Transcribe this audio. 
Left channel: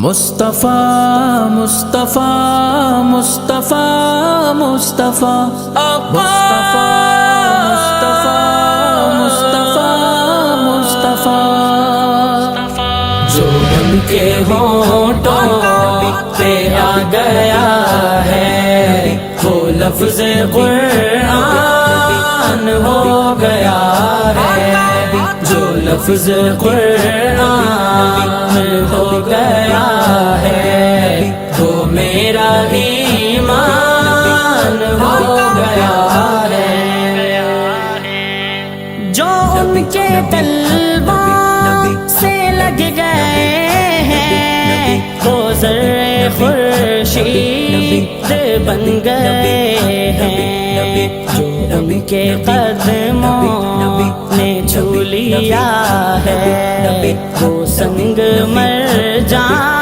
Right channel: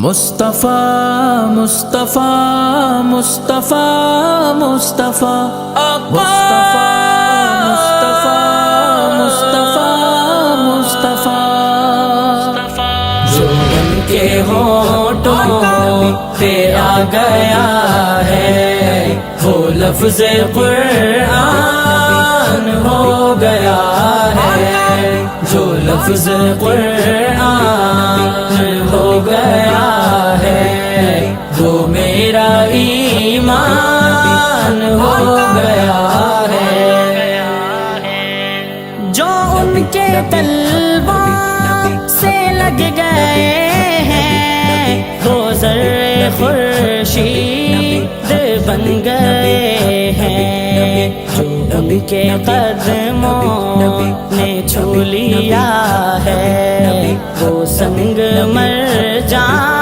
مصطفیٰ مصطفیٰ مصطفیٰ مصطفیٰ مصطفیٰ مصطفیٰ مصطفیٰ جو ان کے ہونٹوں پہ آ گیا ہے وہ لفظ قرآن ہو گیا ہے، جو لفظ قرآن ہو گیا ہے وہ میرا ایمان ہو گیا ہے، جو ان کے طلبوں سے لگ گئے ہیں وہ ذرے خورشید بن گئے ہیں، جو ان کے قدموں نے چھو لیا ہے وہ سنگ مرجان